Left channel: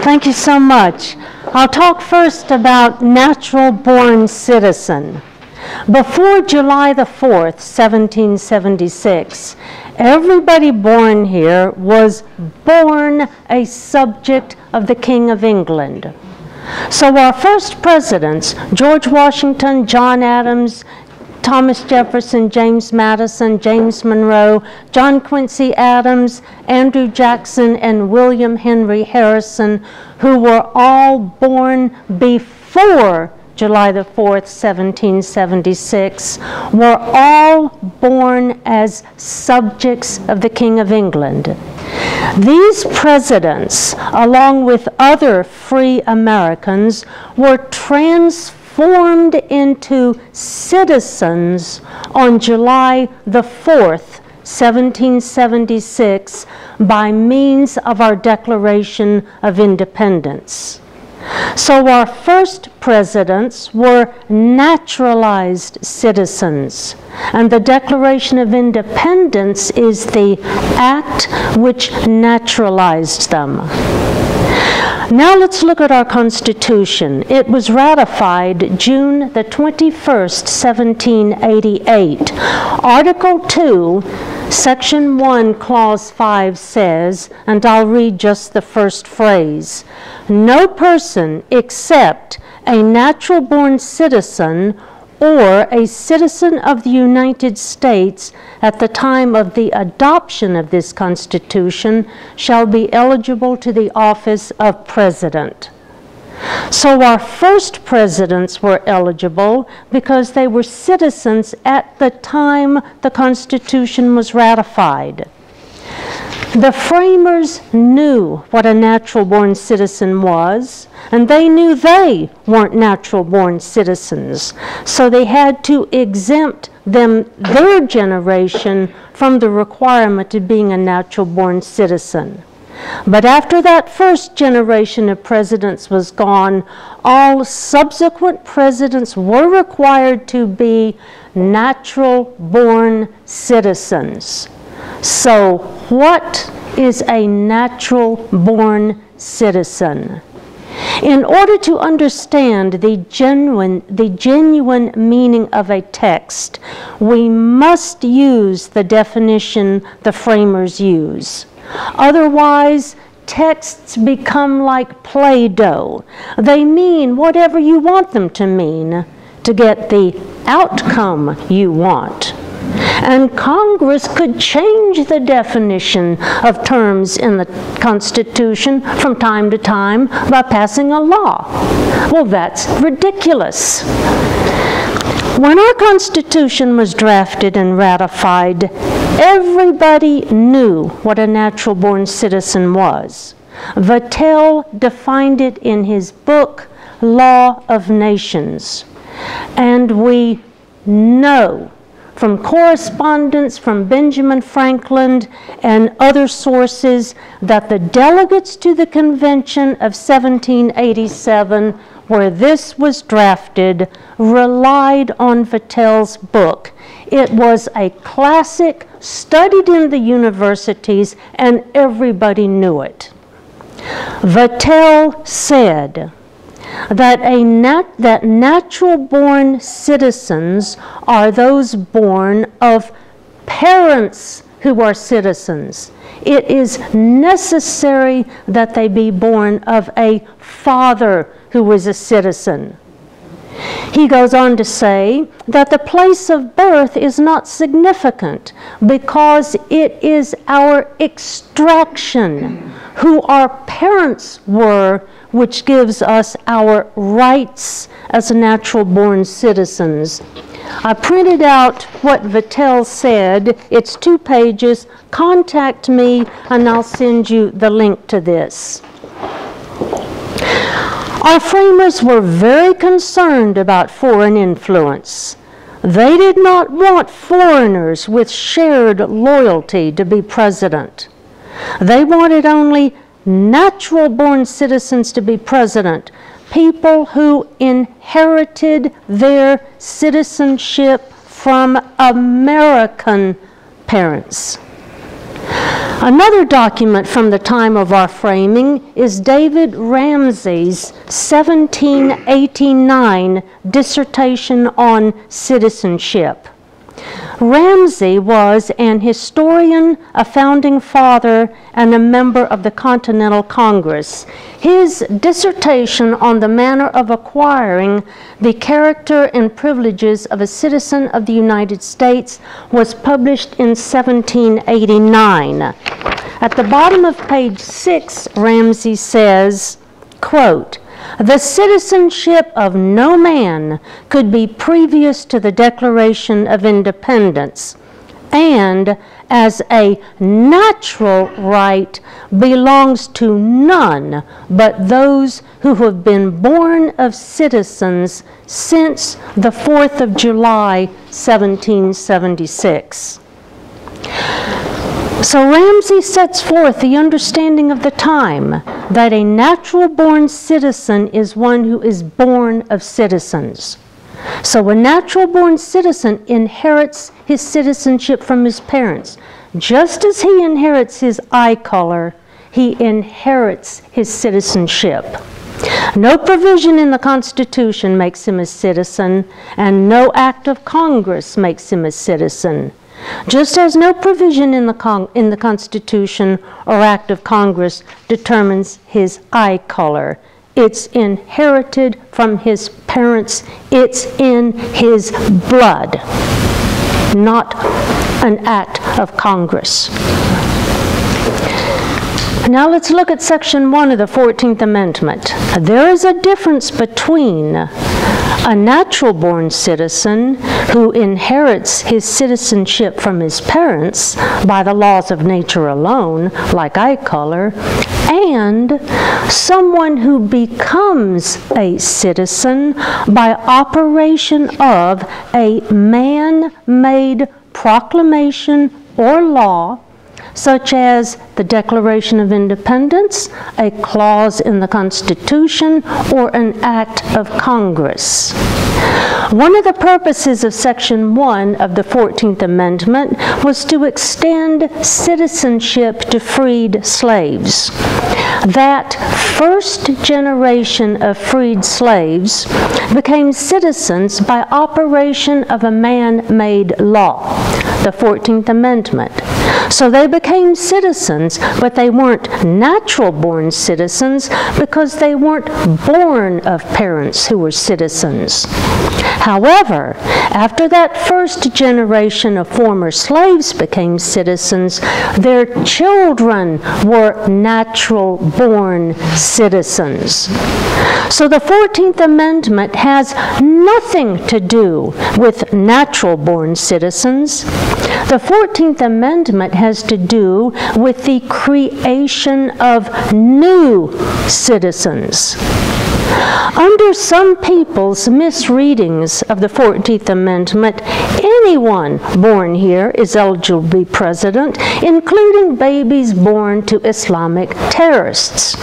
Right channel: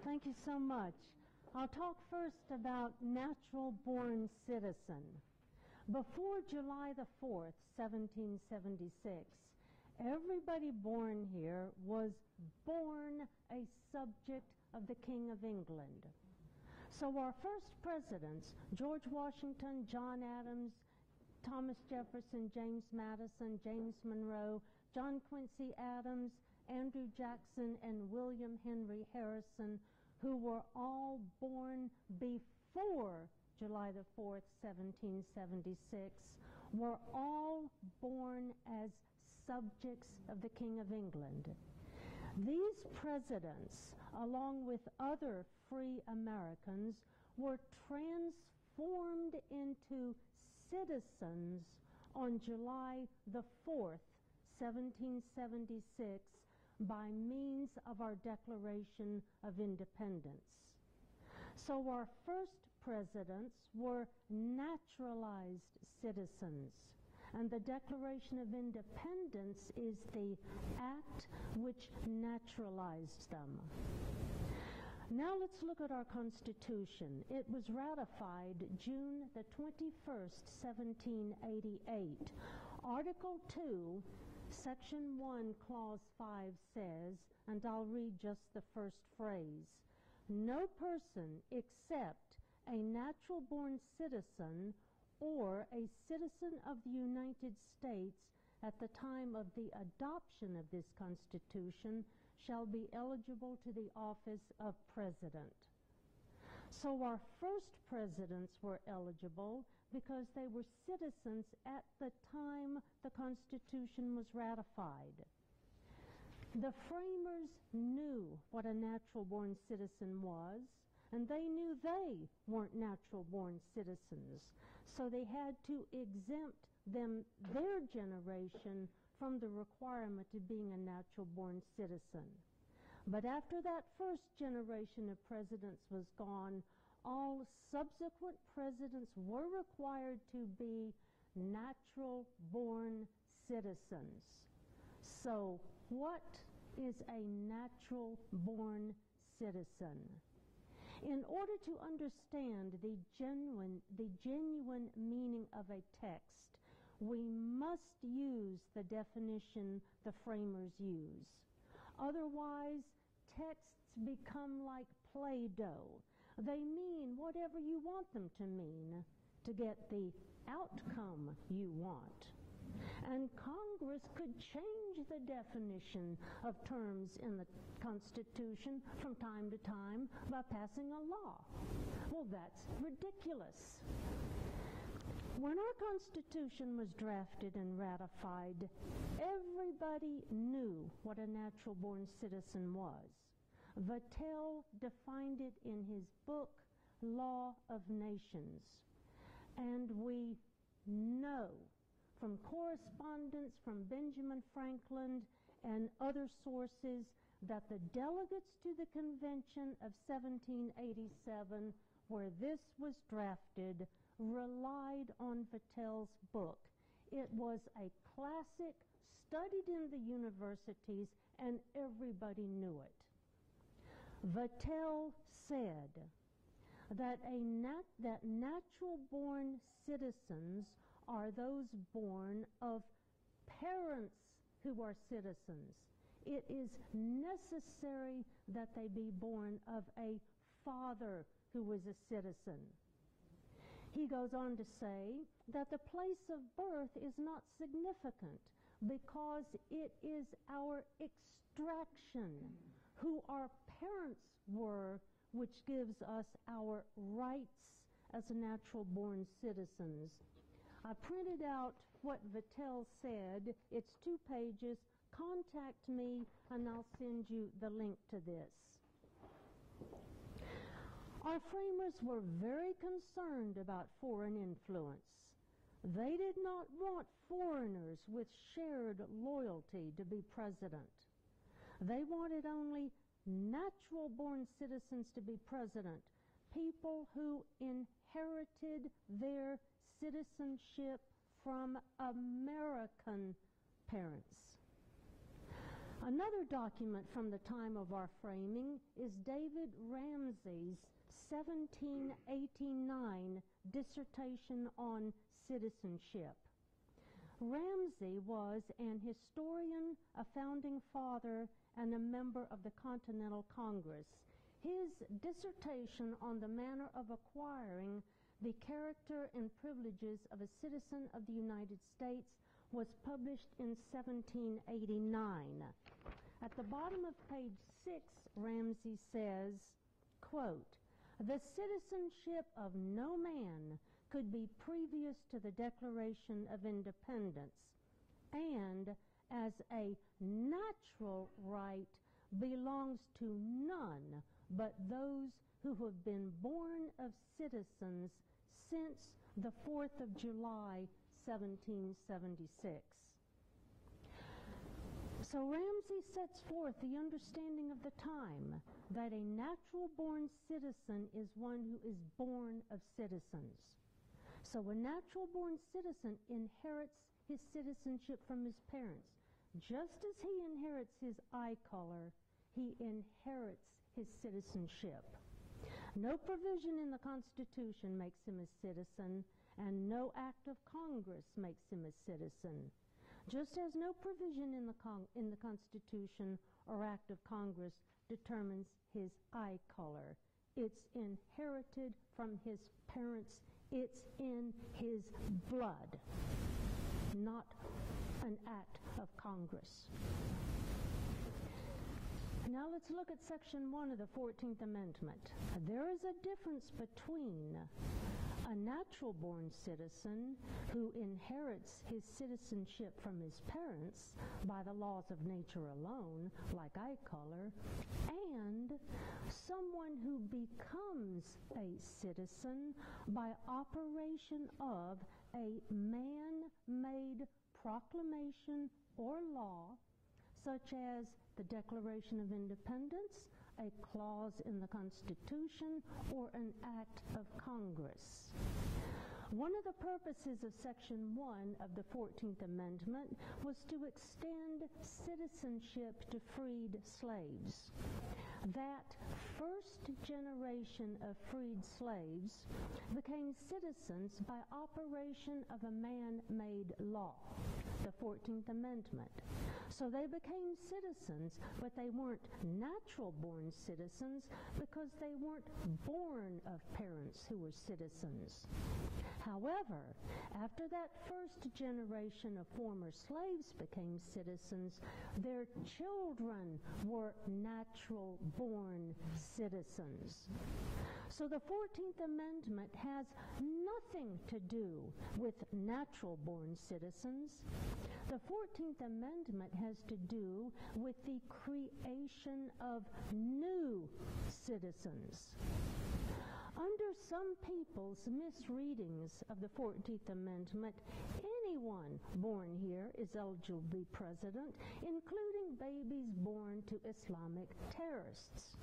Thank you so much. I'll talk first about natural-born citizen. Before July the 4th, 1776, everybody born here was born a subject of the King of England. So our first presidents, George Washington, John Adams, Thomas Jefferson, James Madison, James Monroe, John Quincy Adams, Andrew Jackson, and William Henry Harrison, who were all born before July the 4th, 1776, were all born as subjects of the King of England. These presidents, along with other free Americans, were transformed into citizens on July the 4th, 1776, by means of our Declaration of Independence. So our first presidents were naturalized citizens, and the Declaration of Independence is the act which naturalized them. Now let's look at our Constitution. It was ratified June the 21st, 1788. Article 2, Section 1, Clause 5 says, and I'll read just the first phrase, "No person except a natural-born citizen or a citizen of the United States at the time of the adoption of this Constitution shall be eligible to the office of President." So our first presidents were eligible because they were citizens at the time the Constitution was ratified. The framers knew what a natural-born citizen was, and they knew they weren't natural-born citizens, so they had to exempt their generation from the requirement of being a natural-born citizen. But after that first generation of presidents was gone, all subsequent presidents were required to be natural-born citizens. So what is a natural-born citizen? In order to understand the genuine meaning of a text, we must use the definition the framers use. Otherwise, texts become like Play-Doh. They mean whatever you want them to mean to get the outcome you want. And Congress could change the definition of terms in the Constitution from time to time by passing a law. Well, that's ridiculous. When our Constitution was drafted and ratified, everybody knew what a natural-born citizen was. Vattel defined it in his book, Law of Nations. And we know from correspondence from Benjamin Franklin and other sources that the delegates to the Convention of 1787, where this was drafted, relied on Vattel's book. It was a classic, studied in the universities, and everybody knew it. Vattel said that natural-born citizens are those born of parents who are citizens. It is necessary that they be born of a father who is a citizen. He goes on to say that the place of birth is not significant because it is our extraction, who our parents were, which gives us our rights as natural-born citizens. I printed out what Vattel said. It's 2 pages. Contact me and I'll send you the link to this. Our framers were very concerned about foreign influence. They did not want foreigners with shared loyalty to be president. They wanted only natural-born citizens to be president, people who inherited their citizenship from American parents. Another document from the time of our framing is David Ramsay's 1789 dissertation on citizenship. Ramsay was an historian, a founding father, and a member of the Continental Congress. His dissertation on the manner of acquiring the character and privileges of a citizen of the United States was published in 1789. At the bottom of page 6, Ramsay says, quote, "The citizenship of no man could be previous to the Declaration of Independence, and as a natural right belongs to none but those who have been born of citizens since the 4th of July, 1776. So Ramsay sets forth the understanding of the time that a natural-born citizen is one who is born of citizens. So a natural-born citizen inherits his citizenship from his parents. Just as he inherits his eye color, he inherits his citizenship. No provision in the Constitution makes him a citizen, and no act of Congress makes him a citizen. Just as no provision in the Constitution or act of Congress determines his eye color. It's inherited from his parents. It's in his blood, not an act of Congress. Now let's look at Section 1 of the 14th Amendment. There is a difference between a natural-born citizen who inherits his citizenship from his parents by the laws of nature alone, like eye color, and someone who becomes a citizen by operation of a man-made proclamation or law, such as the Declaration of Independence, a clause in the Constitution, or an act of Congress. One of the purposes of Section 1 of the 14th Amendment was to extend citizenship to freed slaves. That first generation of freed slaves became citizens by operation of a man-made law, the 14th Amendment. So they became citizens, but they weren't natural-born citizens because they weren't born of parents who were citizens. However, after that first generation of former slaves became citizens, their children were natural-born citizens. So the 14th Amendment has nothing to do with natural-born citizens. The 14th Amendment has to do with the creation of new citizens. Under some people's misreadings of the 14th Amendment, anyone born here is eligible to be president, including babies born to Islamic terrorists.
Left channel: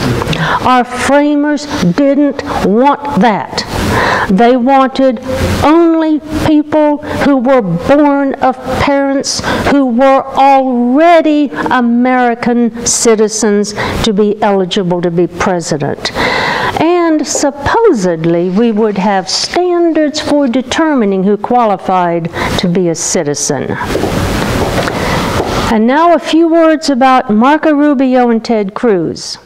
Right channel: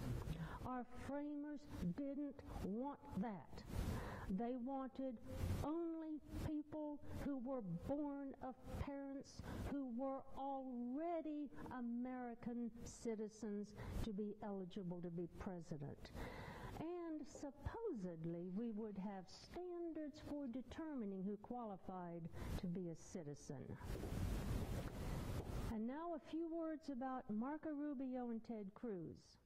Our framers didn't want that. They wanted only people who were born of parents who were already American citizens to be eligible to be president. And supposedly we would have standards for determining who qualified to be a citizen. And now a few words about Marco Rubio and Ted Cruz.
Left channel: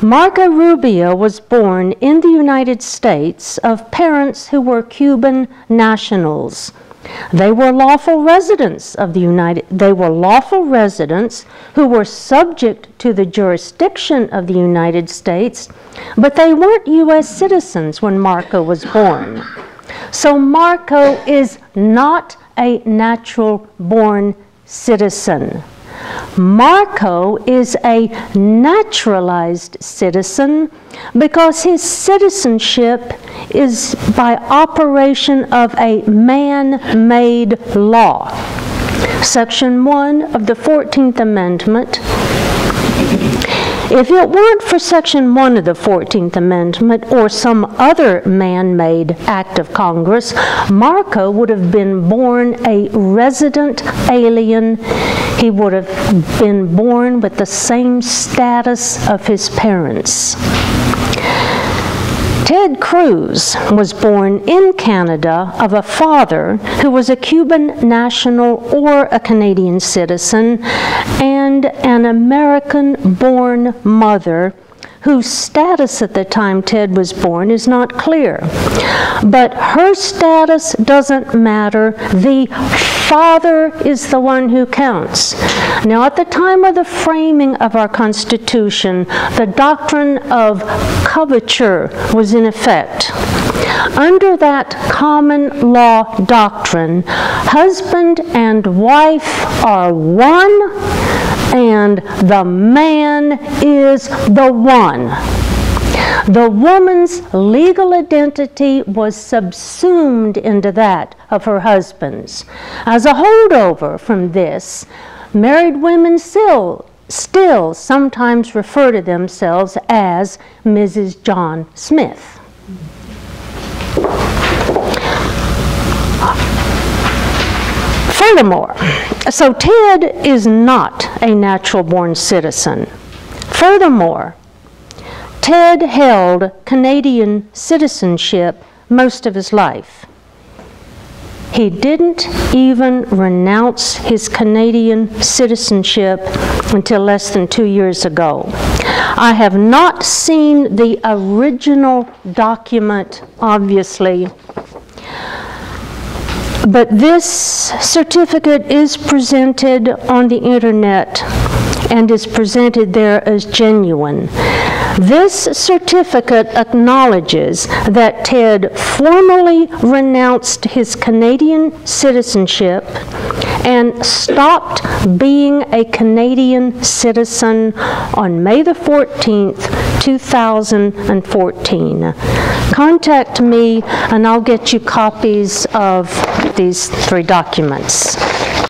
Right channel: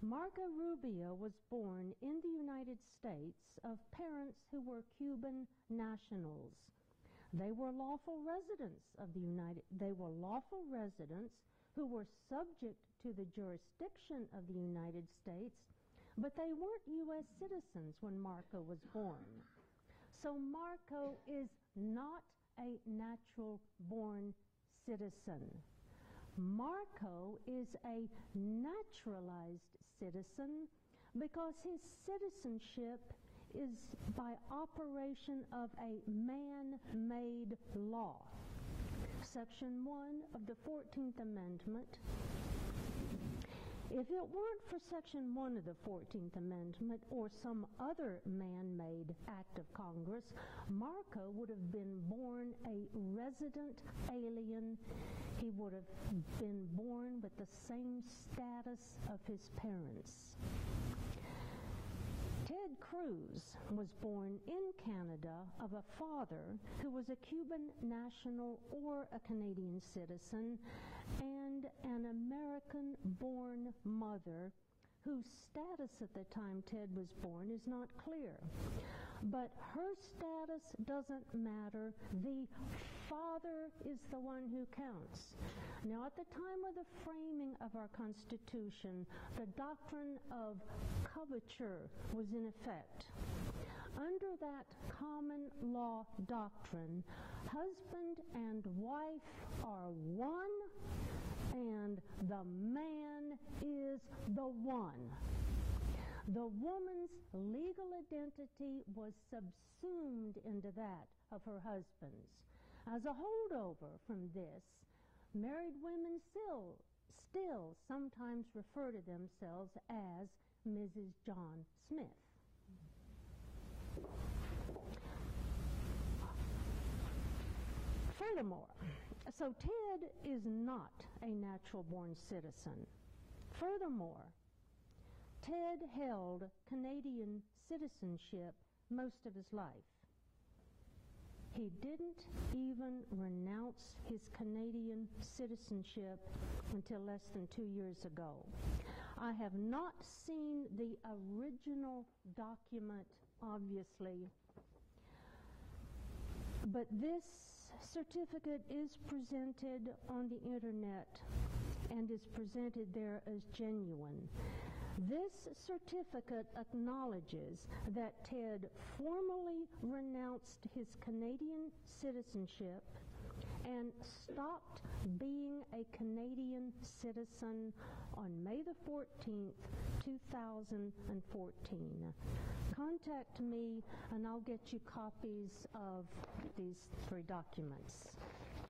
Marco Rubio was born in the United States of parents who were Cuban nationals. They were lawful residents of the They were lawful residents who were subject to the jurisdiction of the United States, but they weren't U.S. citizens when Marco was born. So Marco is not a natural-born citizen. Marco is a naturalized citizen because his citizenship is by operation of a man-made law. Section 1 of the 14th Amendment If it weren't for Section 1 of the 14th Amendment or some other man-made act of Congress, Marco would have been born a resident alien. He would have been born with the same status of his parents. Ted Cruz was born in Canada of a father who was a Cuban national or a Canadian citizen, and an American-born mother whose status at the time Ted was born is not clear. But her status doesn't matter. The father is the one who counts. Now, at the time of the framing of our Constitution, the doctrine of coverture was in effect. Under that common law doctrine, husband and wife are one, and the man is the one. The woman's legal identity was subsumed into that of her husband's. As a holdover from this, married women still sometimes refer to themselves as Mrs. John Smith. Furthermore, so Ted is not a natural-born citizen. Furthermore, Ted held Canadian citizenship most of his life. He didn't even renounce his Canadian citizenship until less than 2 years ago. I have not seen the original document, obviously, but this certificate is presented on the internet and is presented there as genuine. This certificate acknowledges that Ted formally renounced his Canadian citizenship and stopped being a Canadian citizen on May the 14th, 2014. Contact me and I'll get you copies of these 3 documents.